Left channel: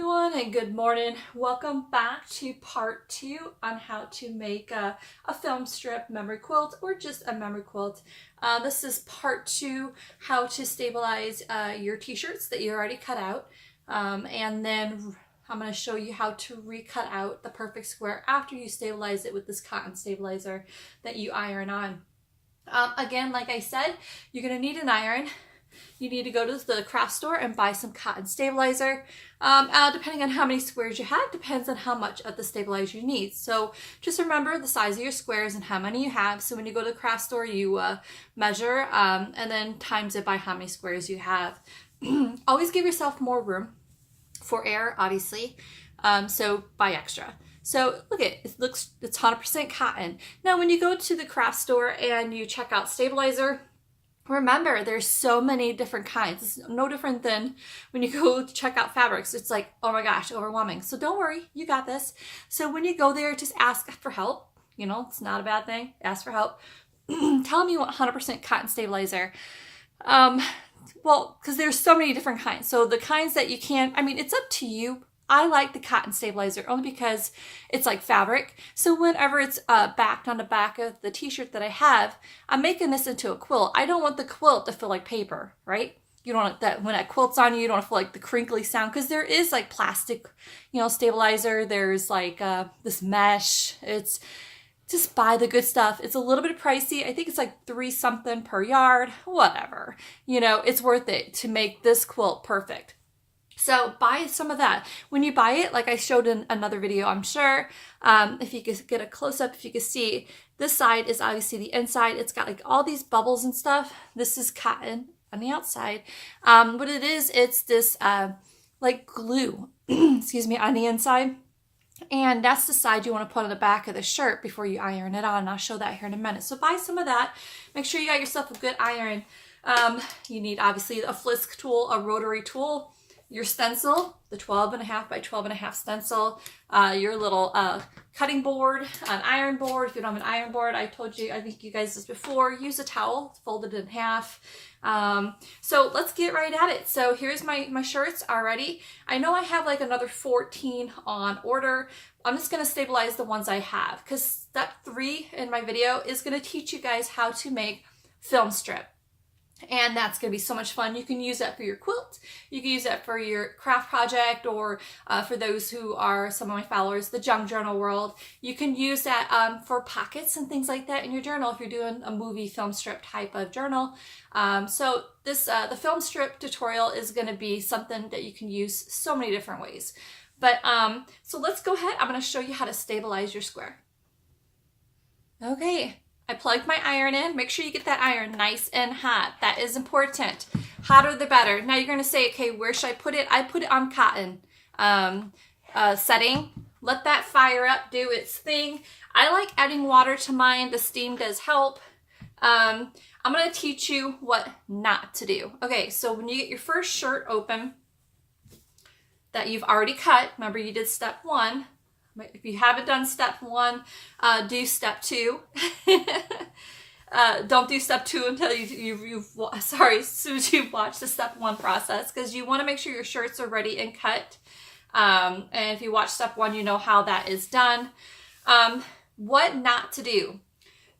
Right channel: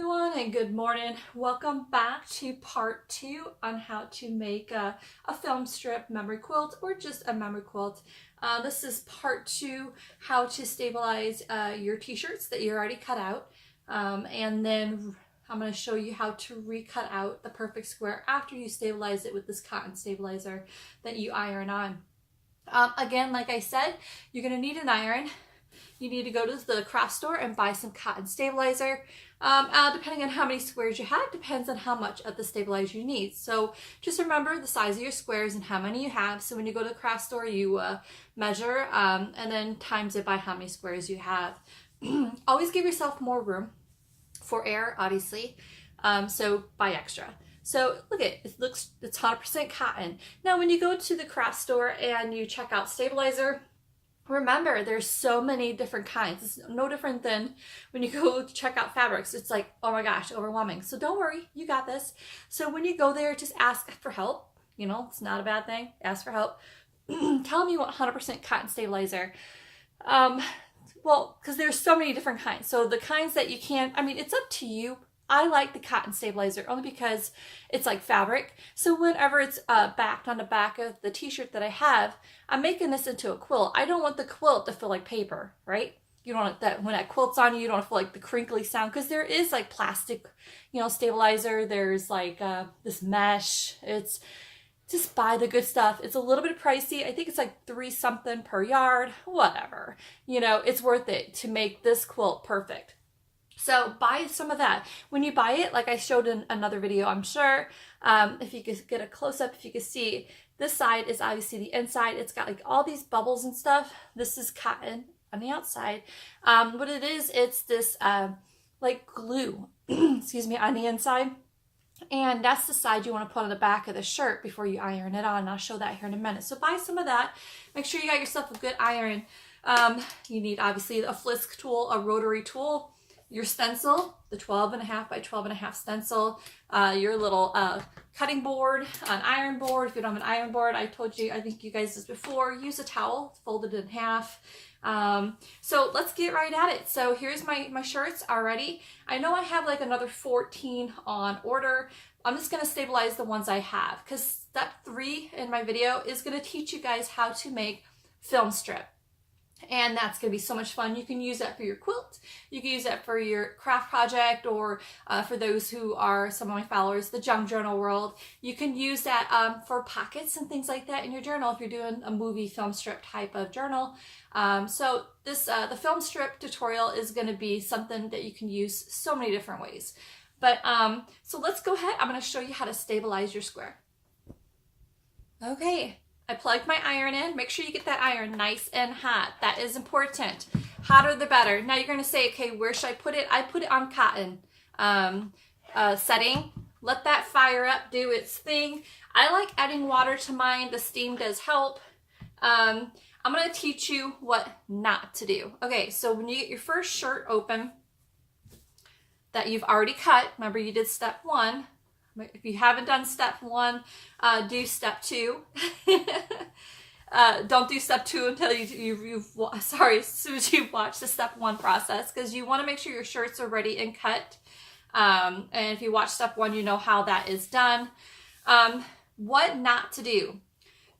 Everyone, and good morning. Welcome back to part 2 on how to make a film strip memory quilt or just a memory quilt. This is part 2, how to stabilize your t-shirts that you already cut out, and then I'm going to show you how to recut out the perfect square after you stabilize it with this cotton stabilizer that you iron on. Again, like I said, you're going to need an iron. You need to go to the craft store and buy some cotton stabilizer. Depending on how many squares you have, depends on how much of the stabilizer you need. So just remember the size of your squares and how many you have. So when you go to the craft store, you measure and then times it by how many squares you have. Always give yourself more room for air, obviously. So buy extra. So look at it, it's 100% cotton. Now when you go to the craft store and you check out stabilizer, remember, there's so many different kinds. It's no different than when you go to check out fabrics. It's like, oh my gosh, overwhelming. So don't worry, you got this. So when you go there, just ask for help. You know, it's not a bad thing. Ask for help. Tell them you want 100% cotton stabilizer. Well, because there's so many different kinds. So the kinds that you can't, I mean, it's up to you. I like the cotton stabilizer only because it's like fabric. So whenever it's backed on the back of the t-shirt that I have, I'm making this into a quilt. I don't want the quilt to feel like paper, right? You don't want that when that quilt's on you, you don't want to feel like the crinkly sound, because there is like plastic, you know, stabilizer. There's like this mesh. It's just buy the good stuff. It's a little bit pricey. I think it's like $3 something per yard, whatever. You know, it's worth it to make this quilt perfect. So buy some of that. When you buy it, like I showed in another video, I'm sure, if you could get a close-up, if you could see, this side is obviously the inside. It's got like all these bubbles and stuff. This is cotton on the outside. What it is, it's this like glue, excuse me, on the inside. And that's the side you want to put on the back of the shirt before you iron it on. And I'll show that here in a minute. So buy some of that. Make sure you got yourself a good iron. You need obviously a Flisk tool, a rotary tool, your stencil, the 12.5 by 12.5 stencil, your little cutting board, an iron board. If you don't have an iron board, I told you, I think you guys this before, use a towel, fold it in half. So let's get right at it. So here's my shirts already. I know I have like another 14 on order. I'm just going to stabilize the ones I have, because step 3 in my video is going to teach you guys how to make film strip. And that's going to be so much fun. You can use that for your quilt. You can use that for your craft project, or for those who are some of my followers, the junk journal world. You can use that for pockets and things like that in your journal if you're doing a movie film strip type of journal. So this the film strip tutorial is going to be something that you can use so many different ways. But so let's go ahead. I'm going to show you how to stabilize your square. Okay. I plugged my iron in. Make sure you get that iron nice and hot. That is important. Hotter the better. Now you're going to say, okay, where should I put it? I put it on cotton setting. Let that fire up, do its thing. I like adding water to mine. The steam does help. I'm going to teach you what not to do. Okay, so when you get your first shirt open that you've already cut, remember you did step 1. If you haven't done step 1, do step 2. Don't do step 2 until as soon as you watch the step 1 process, because you want to make sure your shirts are ready and cut. And if you watch step 1, you know how that is done. What not to do.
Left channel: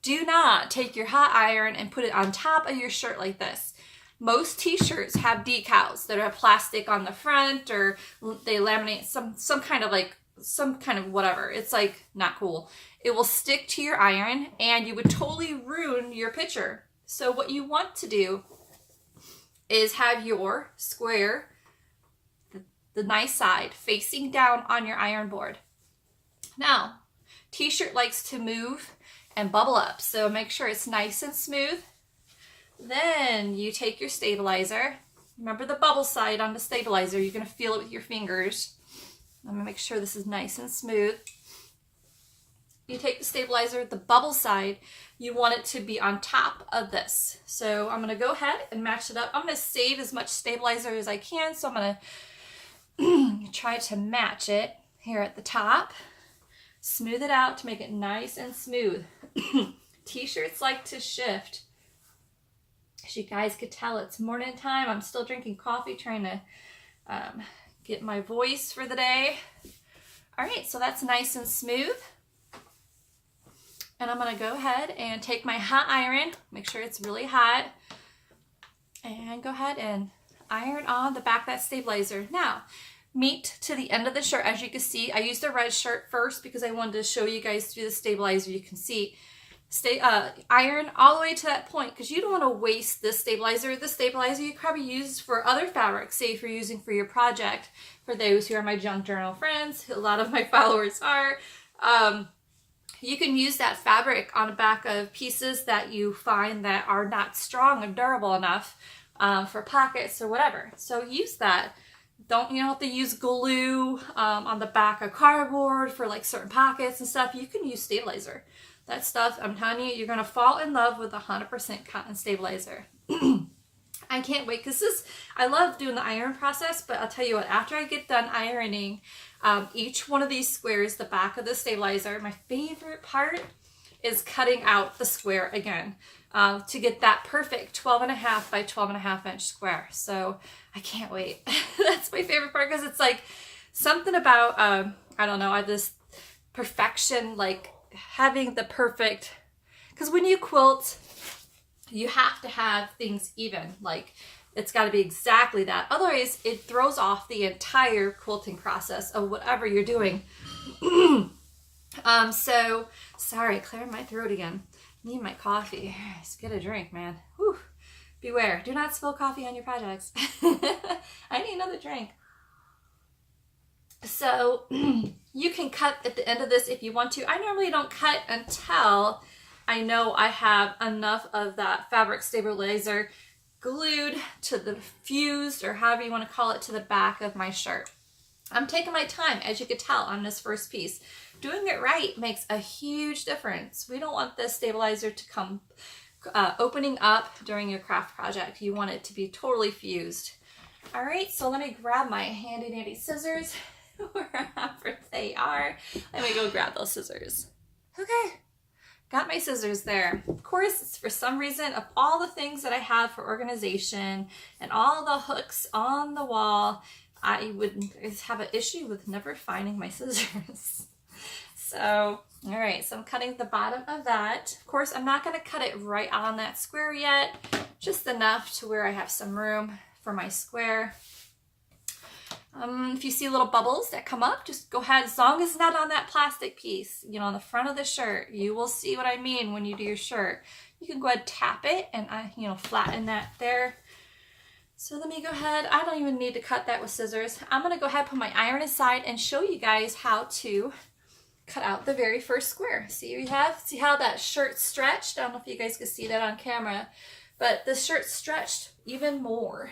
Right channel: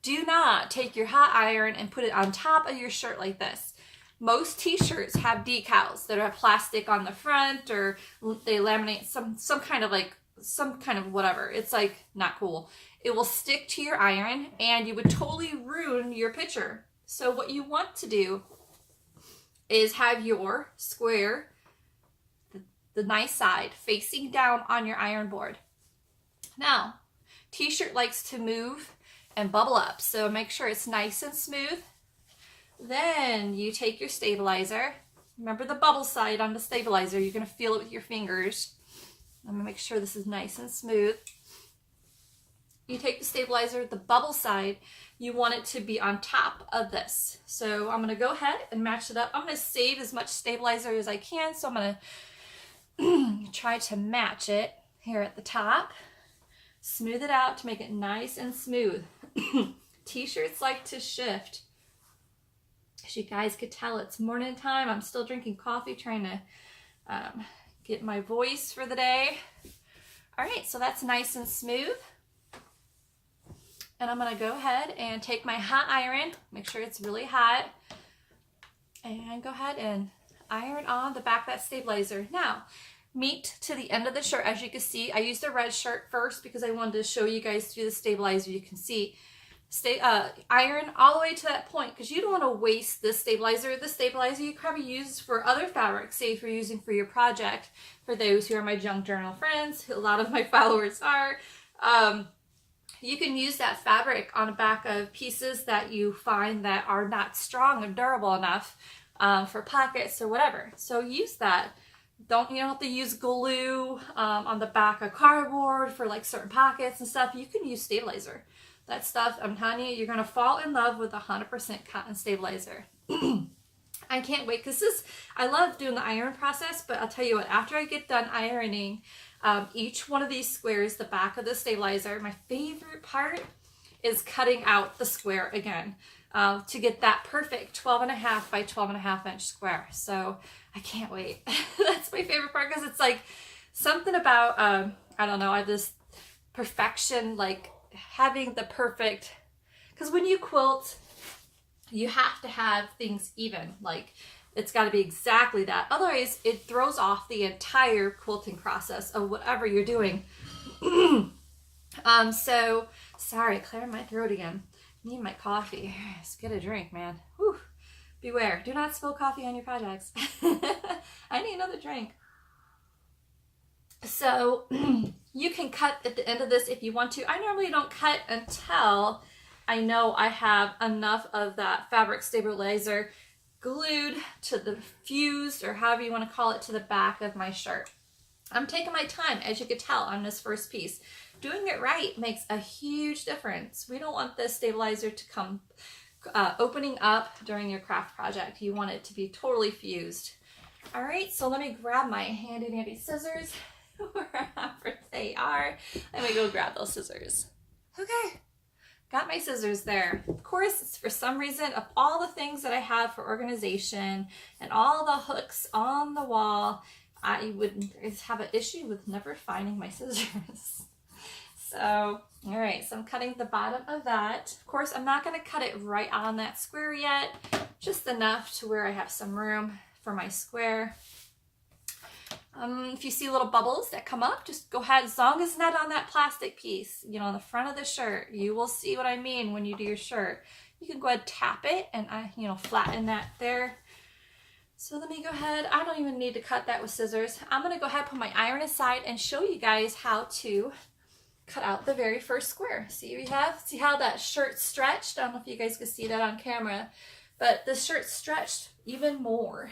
Do not take your hot iron and put it on top of your shirt like this. Most t-shirts have decals that have plastic on the front, or they laminate some kind of whatever. It's like not cool. It will stick to your iron and you would totally ruin your picture. So what you want to do is have your square, the nice side, facing down on your iron board. Now, t-shirt likes to move and bubble up, so make sure it's nice and smooth. Then you take your stabilizer. Remember the bubble side on the stabilizer. You're going to feel it with your fingers. I'm going to make sure this is nice and smooth. You take the stabilizer, the bubble side, you want it to be on top of this. So I'm going to go ahead and match it up. I'm going to save as much stabilizer as I can, so I'm going to try to match it here at the top. Smooth it out to make it nice and smooth. T-shirts like to shift. As you guys could tell, it's morning time. I'm still drinking coffee, trying to get my voice for the day. All right, so that's nice and smooth. And I'm gonna go ahead and take my hot iron, make sure it's really hot, and go ahead and iron on the back of that stabilizer. Now, meet to the end of the shirt. As you can see, I used the red shirt first because I wanted to show you guys through the stabilizer. You can see, iron all the way to that point because you don't want to waste this stabilizer. The stabilizer you probably use for other fabrics, say if you're using for your project. For those who are my junk journal friends, a lot of my followers are. You can use that fabric on the back of pieces that you find that are not strong and durable enough for pockets or whatever. So use that. You don't have to use glue on the back of cardboard for like certain pockets and stuff. You can use stabilizer. That stuff, I'm telling you, you're going to fall in love with 100% cotton stabilizer. I can't wait because I love doing the iron process, but I'll tell you what, after I get done ironing each one of these squares, the back of the stabilizer, my favorite part is cutting out the square again to get that perfect 12.5 by 12.5 inch square. So I can't wait. That's my favorite part because it's like something about, I don't know, I just perfection, like having the perfect, because when you quilt, you have to have things even, like it's got to be exactly that. Otherwise, it throws off the entire quilting process of whatever you're doing. So, sorry, clearing my throat again. Need my coffee. Just get a drink, man. Whew. Beware. Do not spill coffee on your projects. I need another drink. So, you can cut at the end of this if you want to. I normally don't cut until I know I have enough of that fabric stabilizer glued to the fused, or however you want to call it, to the back of my shirt. I'm taking my time, as you could tell, on this first piece. Doing it right makes a huge difference. We don't want this stabilizer to come opening up during your craft project. You want it to be totally fused. All right, so let me grab my handy dandy scissors, wherever they are. Let me go grab those scissors. Okay. Got my scissors there. Of course, for some reason, of all the things that I have for organization and all the hooks on the wall, I would have an issue with never finding my scissors. So, all right, so I'm cutting the bottom of that. Of course, I'm not going to cut it right on that square yet, just enough to where I have some room for my square. If you see little bubbles that come up, just go ahead, as long as it's not on that plastic piece, on the front of the shirt. You will see what I mean when you do your shirt. You can go ahead and tap it and flatten that there. So let me go ahead. I don't even need to cut that with scissors. I'm going to go ahead and put my iron aside and show you guys how to cut out the very first square. See how that shirt stretched? I don't know if you guys can see that on camera, but the shirt stretched even more.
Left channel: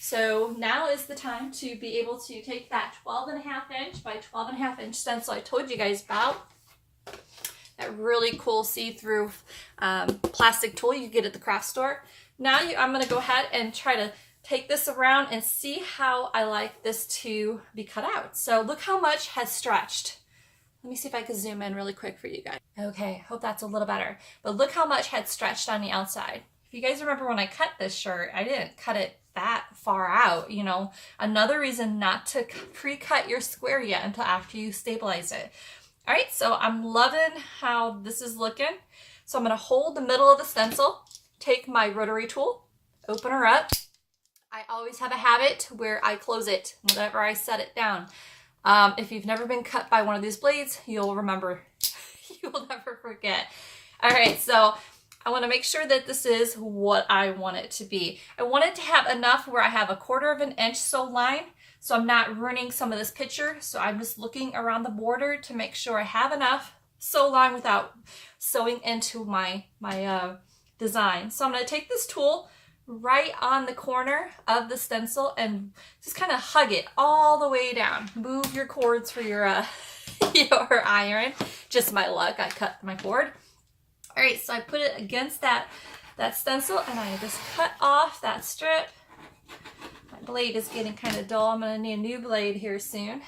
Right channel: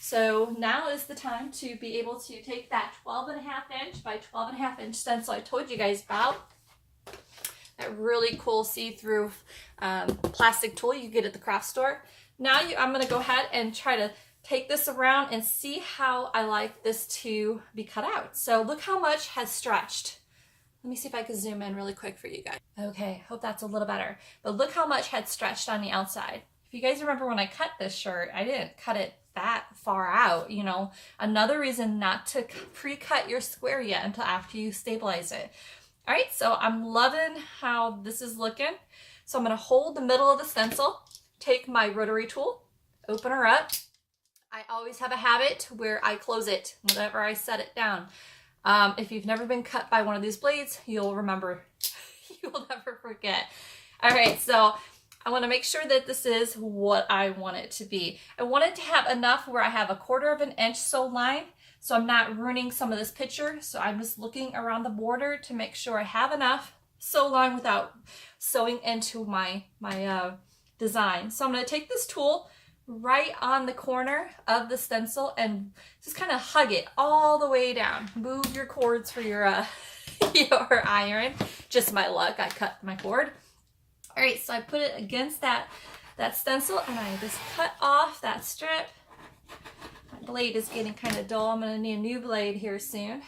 So now is the time to be able to take that 12.5 inch by 12.5 inch stencil I told you guys about. That really cool see-through plastic tool you get at the craft store. Now I'm going to go ahead and try to take this around and see how I like this to be cut out. So look how much has stretched. Let me see if I can zoom in really quick for you guys. Okay, hope that's a little better. But look how much had stretched on the outside. If you guys remember when I cut this shirt, I didn't cut it that far out, Another reason not to pre-cut your square yet until after you stabilize it. All right, so I'm loving how this is looking. So I'm going to hold the middle of the stencil, take my rotary tool, open her up. I always have a habit where I close it whenever I set it down. If you've never been cut by one of these blades, you'll remember. You will never forget. All right, so I want to make sure that this is what I want it to be. I want it to have enough where I have 1/4 inch sew line, so I'm not ruining some of this picture. So I'm just looking around the border to make sure I have enough sew line without sewing into my design. So I'm going to take this tool right on the corner of the stencil and just kind of hug it all the way down. Move your cords for your your iron. Just my luck, I cut my cord. All right, so I put it against that stencil and I just cut off that strip. My blade is getting kind of dull. I'm going to need a new blade here soon.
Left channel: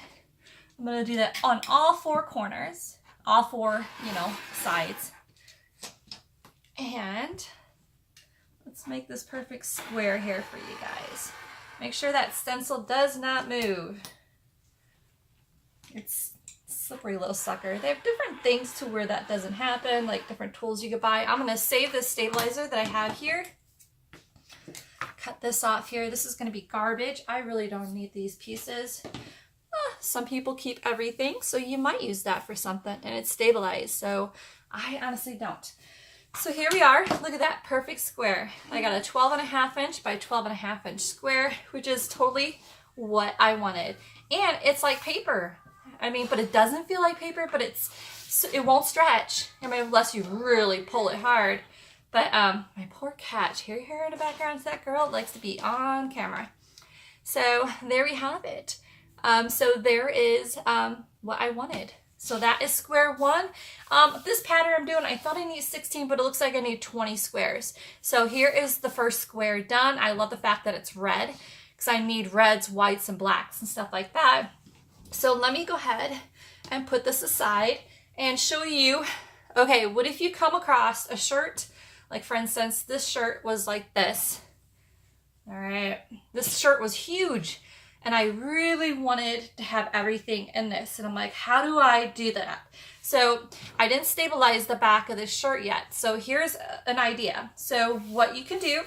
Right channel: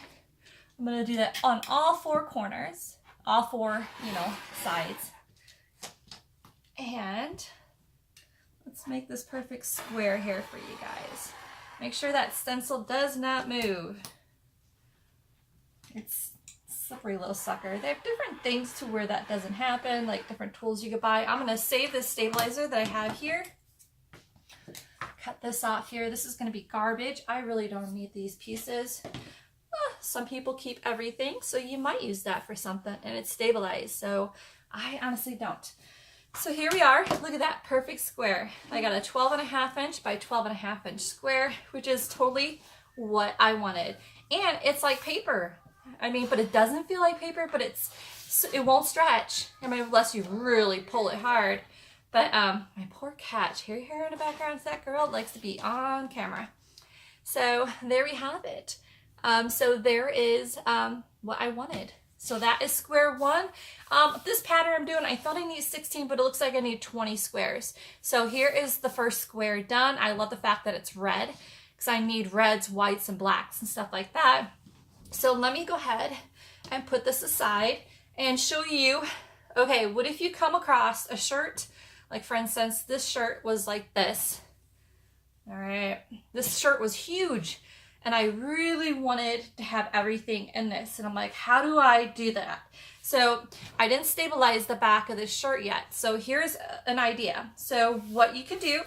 I'm going to do that on all 4 corners, all 4, sides. And let's make this perfect square here for you guys. Make sure that stencil does not move. It's a slippery little sucker. They have different things to where that doesn't happen, like different tools you could buy. I'm going to save this stabilizer that I have here. Cut this off here. This is going to be garbage. I really don't need these pieces. Some people keep everything, so you might use that for something, and it's stabilized. So I honestly don't. So here we are. Look at that perfect square. I got a 12.5 inch by 12.5 inch square, which is totally what I wanted. And it's like paper. I mean, but it doesn't feel like paper, but it won't stretch. I mean, unless you really pull it hard. But my poor cat, hear her in the background, that girl likes to be on camera. So there we have it. So there is what I wanted. So that is square one. This pattern I'm doing, I thought I need 16, but it looks like I need 20 squares. So here is the first square done. I love the fact that it's red because I need reds, whites, and blacks and stuff like that. So let me go ahead and put this aside and show you, okay, what if you come across a shirt, like for instance, this shirt was like this. All right, this shirt was huge. And I really wanted to have everything in this. And I'm like, how do I do that? So I didn't stabilize the back of this shirt yet. So here's an idea. So what you can do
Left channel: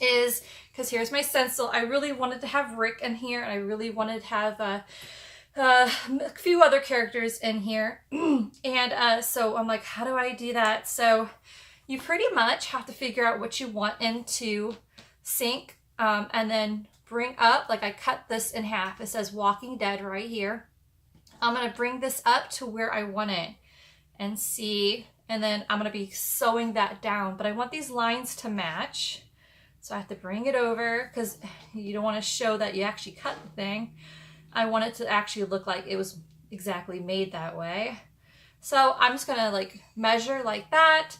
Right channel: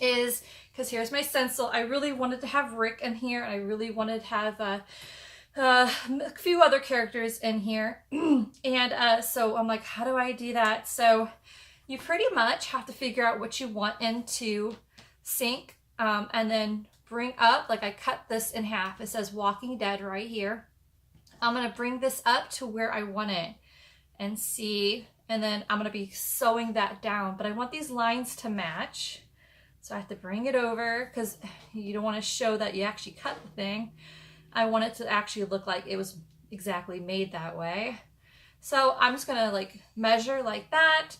is, because here's my stencil, I really wanted to have Rick in here. And I really wanted to have a few other characters in here. And so I'm like, how do I do that? So you pretty much have to figure out what you want into sync, and then bring up, like I cut this in half. It says Walking Dead right here. I'm going to bring this up to where I want it and see, and then I'm going to be sewing that down, but I want these lines to match. So I have to bring it over because you don't want to show that you actually cut the thing. I want it to actually look like it was exactly made that way. So I'm just going to like measure like that.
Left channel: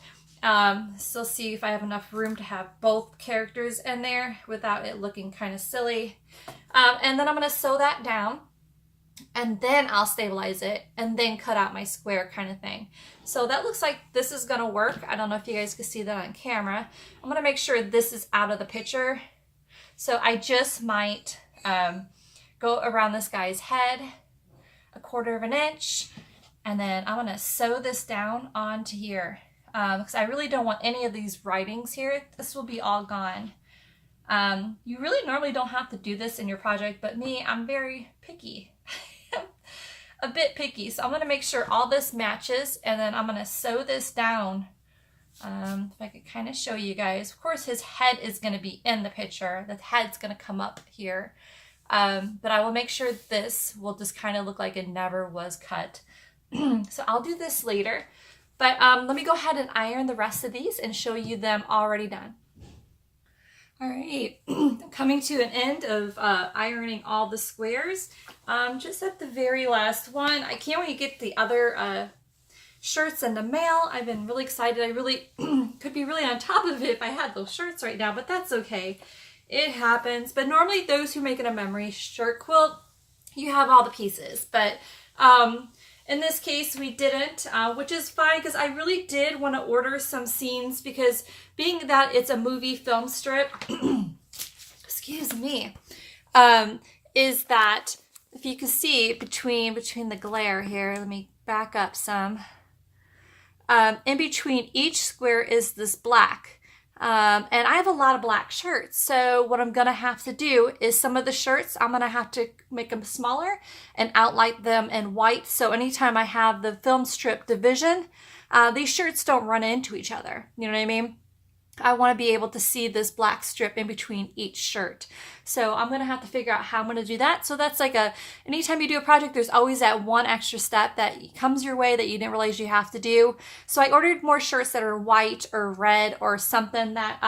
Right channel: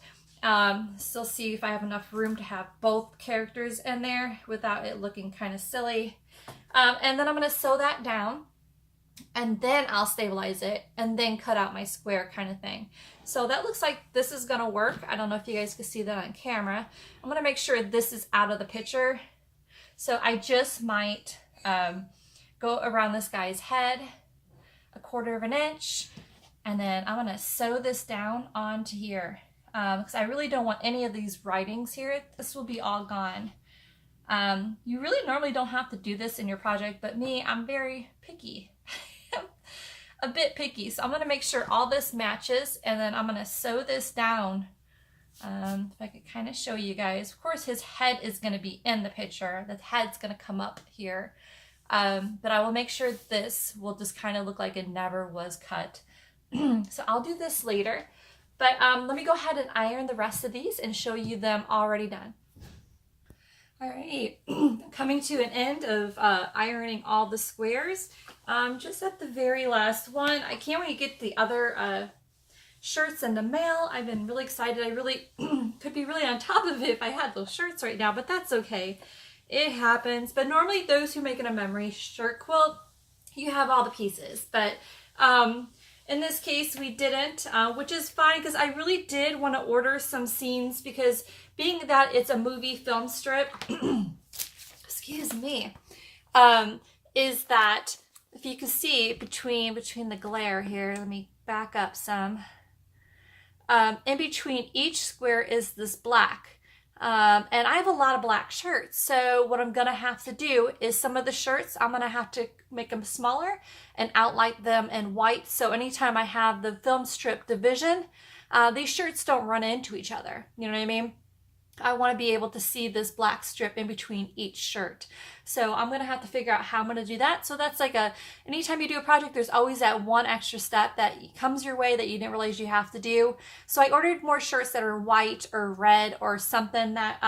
Still see if I have enough room to have both characters in there without it looking kind of silly. And then I'm going to sew that down, and then I'll stabilize it and then cut out my square kind of thing. So that looks like this is going to work. I don't know if you guys can see that on camera. I'm going to make sure this is out of the picture. So I just might go around this guy's head 1/4 inch, and then I'm going to sew this down onto here. Because I really don't want any of these writings here. This will be all gone. You really normally don't have to do this in your project, but me, I'm very picky. A bit picky. So I'm going to make sure all this matches, and then I'm going to sew this down. If I could kind of show you guys. Of course, his head is going to be in the picture. The head's going to come up here. But I will make sure this will just kind of look like it never was cut. So I'll do this later. But let me go ahead and iron the rest of these and show you them already done. All right, coming to an end of ironing all the squares. Just at the very last one, I can't wait to get the other shirts in the mail. I've been really excited. I really could be really on top of it if I had those shirts right now, but that's okay. It happens. But normally those who make it a memory shirt quilt, you have all the pieces. But in this case, we didn't, which is fine because I really did want to order some scenes because being that it's a movie film strip, excuse me, is that if you can see between the glare here, let me back up some. In between each square is this black. And I have a lot of black shirts. So what I'm going to have to do is some of the shirts, I'm going to have to make them smaller and outline them in white. So anytime I have the film strip division, these shirts don't run into each other. You know what I mean? I want to be able to see this black strip in between each shirt. So I'm going to have to figure out how I'm going to do that. So that's like anytime you do a project, there's always that one extra step that comes your way that you didn't realize you have to do. So I ordered more shirts that are white or red or something that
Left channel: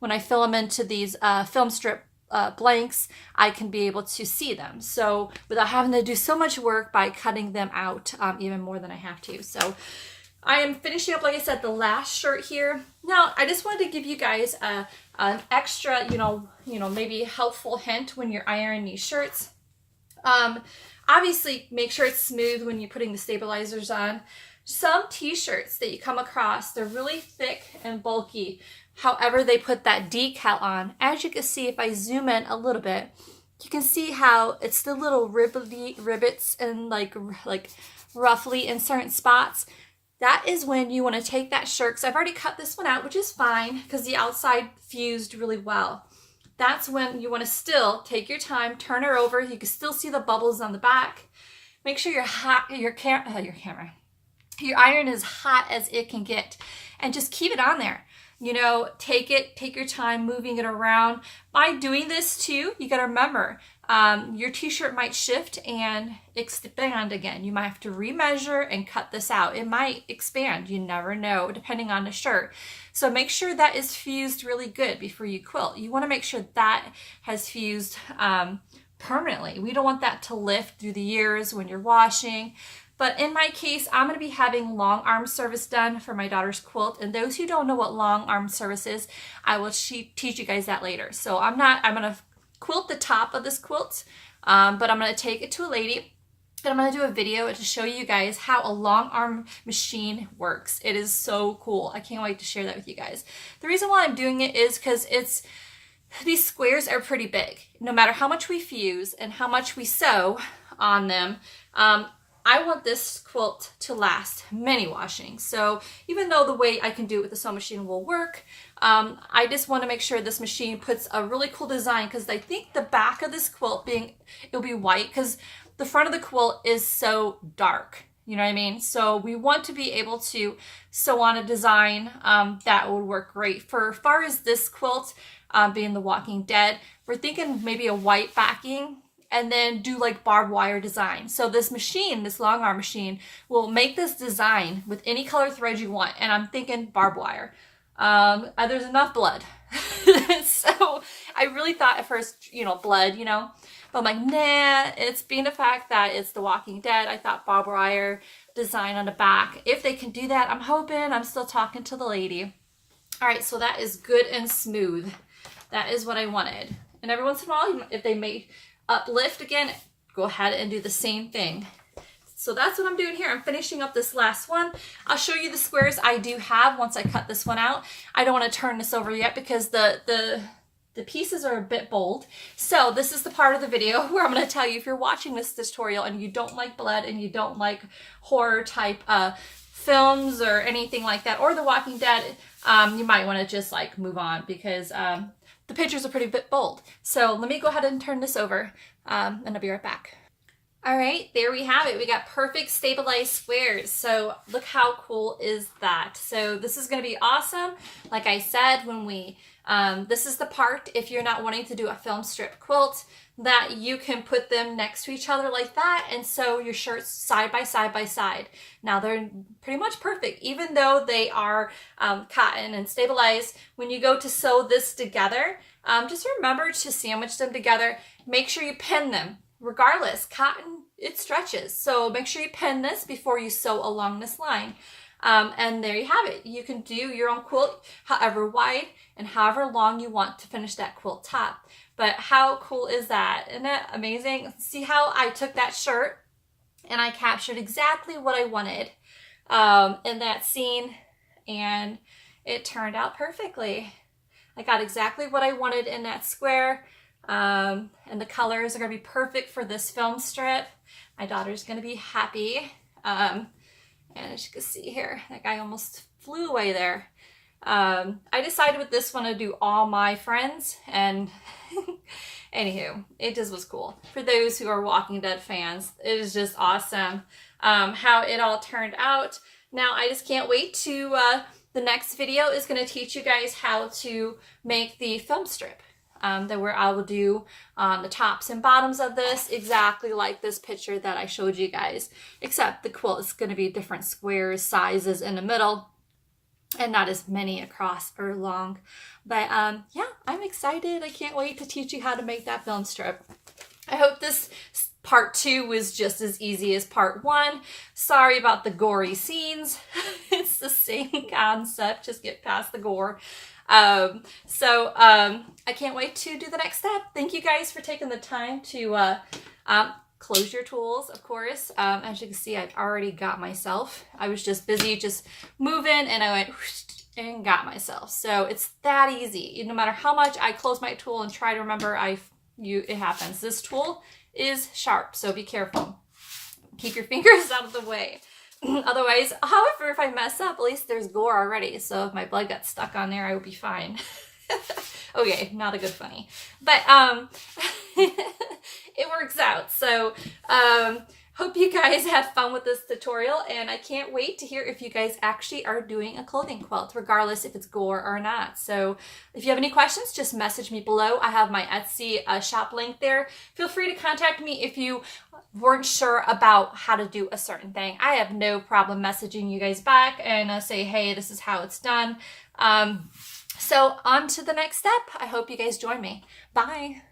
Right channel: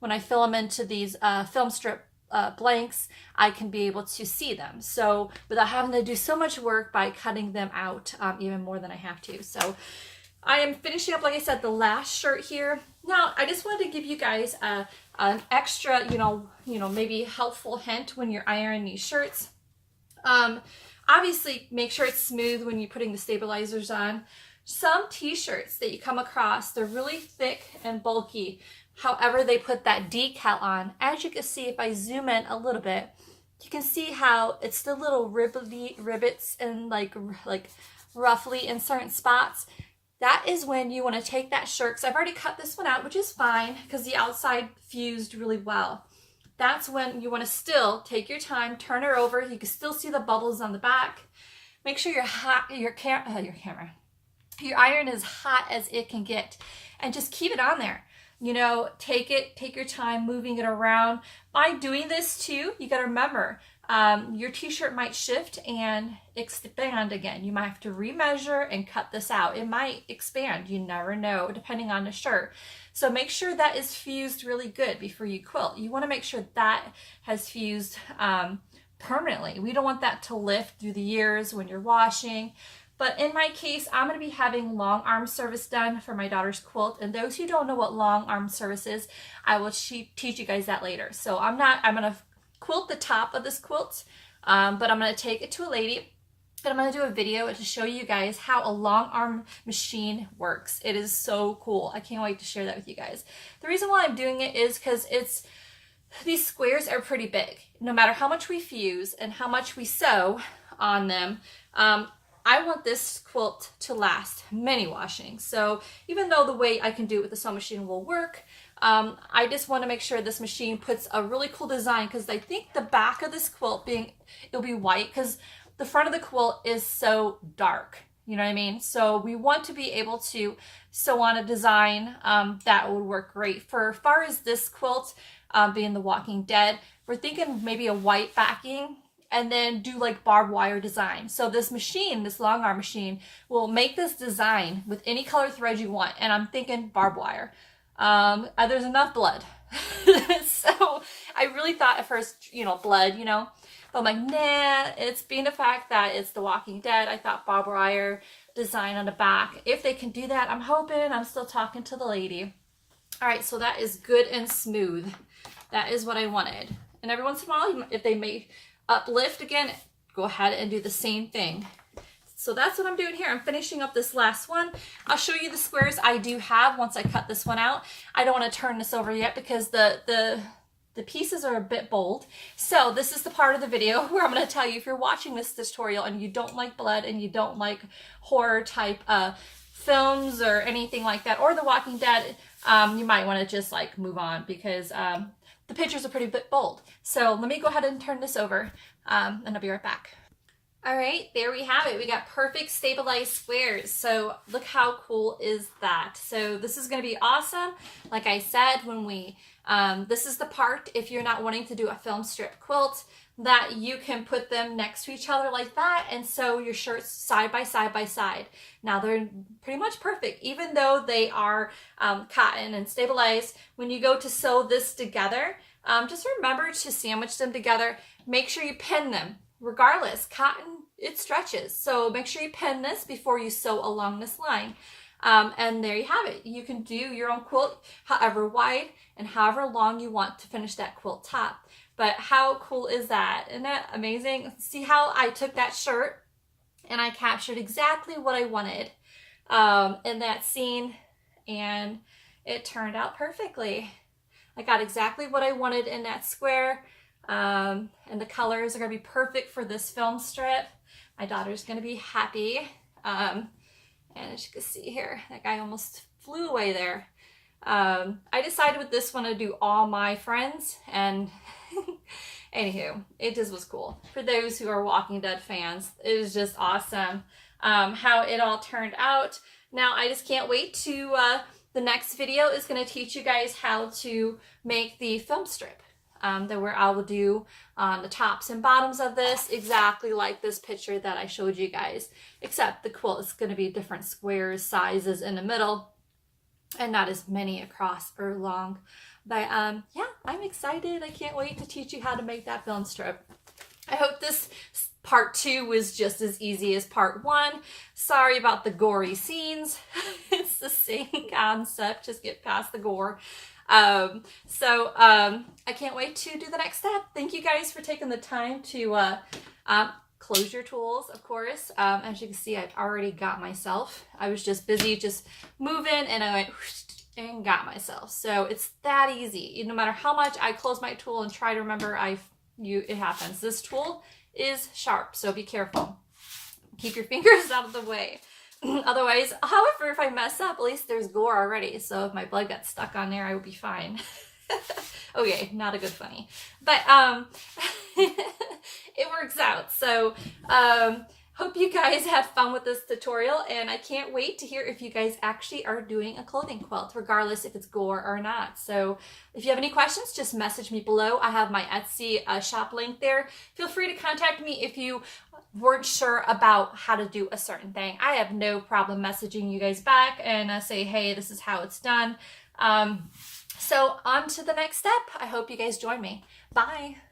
when I fill them into these film strip blanks, I can be able to see them. So without having to do so much work by cutting them out even more than I have to. So I am finishing up, like I said, the last shirt here. Now, I just wanted to give you guys an extra, maybe helpful hint when you're ironing these shirts. Obviously, make sure it's smooth when you're putting the stabilizers on. Some t-shirts that you come across, they're really thick and bulky. However, they put that decal on. As you can see, if I zoom in a little bit, you can see how it's the little rivets and like roughly in certain spots. That is when you want to take that shirt, because I've already cut this one out, which is fine because the outside fused really well. That's when you want to still take your time, turn her over. You can still see the bubbles on the back. Make sure your iron is hot as it can get, and just keep it on there. You know, take your time moving it around. By doing this too, you got to remember, your t-shirt might shift and expand again. You might have to remeasure and cut this out. It might expand, you never know, depending on the shirt. So make sure that is fused really good before you quilt. You want to make sure that has fused permanently. We don't want that to lift through the years when you're washing. But in my case, I'm going to be having long arm service done for my daughter's quilt. And those who don't know what long arm service is, I will teach you guys that later. So I'm going to quilt the top of this quilt, but I'm going to take it to a lady. And I'm going to do a video to show you guys how a long arm machine works. It is so cool. I can't wait to share that with you guys. The reason why I'm doing it is because these squares are pretty big. No matter how much we fuse and how much we sew on them, I want this quilt to last many washings. So even though the way I can do it with the sewing machine will work, I just want to make sure this machine puts a really cool design, because I think the back of this quilt it'll be white because the front of the quilt is so dark. You know what I mean? So we want to be able to sew on a design that would work great. For as far as this quilt being The Walking Dead, we're thinking maybe a white backing, and then do like barbed wire design. So this machine, this long arm machine, will make this design with any color thread you want. And I'm thinking barbed wire. There's enough blood. So I really thought at first, blood, but I'm like, nah, it's being the fact that it's The Walking Dead. I thought barbed wire design on the back. If they can do that, I'm hoping. I'm still talking to the lady. All right, so that is good and smooth. That is what I wanted. And every once in a while, if they make uplift again, go ahead and do the same thing. So that's what I'm doing here. I'm finishing up this last one. I'll show you the squares I do have once I cut this one out. I don't want to turn this over yet because the pieces are a bit bold. So this is the part of the video where I'm going to tell you, if you're watching this tutorial and you don't like blood and you don't like horror type films or anything like that, or The Walking Dead, you might want to just like move on, because the pictures are pretty bit bold. So let me go ahead and turn this over, and I'll be right back. All right, there we have it. We got perfect stabilized squares. So look how cool is that? So this is going to be awesome. Like I said, this is the part, if you're not wanting to do a film strip quilt, that you can put them next to each other like that and sew your shirts side by side by side. Now they're pretty much perfect, even though they are cotton and stabilized. When you go to sew this together, just remember to sandwich them together. Make sure you pin them. Regardless, cotton, it stretches. So make sure you pin this before you sew along this line. And there you have it. You can do your own quilt however wide and however long you want to finish that quilt top. But how cool is that? Isn't that amazing? See how I took that shirt and I captured exactly what I wanted in that scene, and it turned out perfectly. I got exactly what I wanted in that square, and the colors are going to be perfect for this film strip. My daughter's going to be happy. And as you can see here, that guy almost flew away there. I decided with this one to do all my friends, and anywho, it just was cool. For those who are Walking Dead fans, it is just awesome how it all turned out. Now I just can't wait to, the next video is going to teach you guys how to make the film strip. Where I will do the tops and bottoms of this exactly like this picture that I showed you guys, except the quilt is going to be different squares, sizes in the middle, and not as many across or long. But yeah, I'm excited. I can't wait to teach you how to make that film strip. I hope this part 2 was just as easy as part 1. Sorry about the gory scenes. It's the same concept, just get past the gore. I can't wait to do the next step. Thank you guys for taking the time to close your tools, of course. As you can see, I've already got myself. I was just busy just moving, and I went and got myself. So it's that easy. No matter how much I close my tool and try to remember, it happens. This tool is sharp, so be careful. Keep your fingers out of the way. Otherwise, however, if I mess up, at least there's gore already. So if my blood got stuck on there, I would be fine. Okay, not a good funny. But it works out. So hope you guys had fun with this tutorial, and I can't wait to hear if you guys actually are doing a clothing quilt, regardless if it's gore or not. So if you have any questions, just message me below. I have my Etsy shop link there. Feel free to contact me if you weren't sure about how to do a certain thing. I have no problem messaging you guys back and say, hey, this is how it's done. So on to the next step. I hope you guys join me. Bye.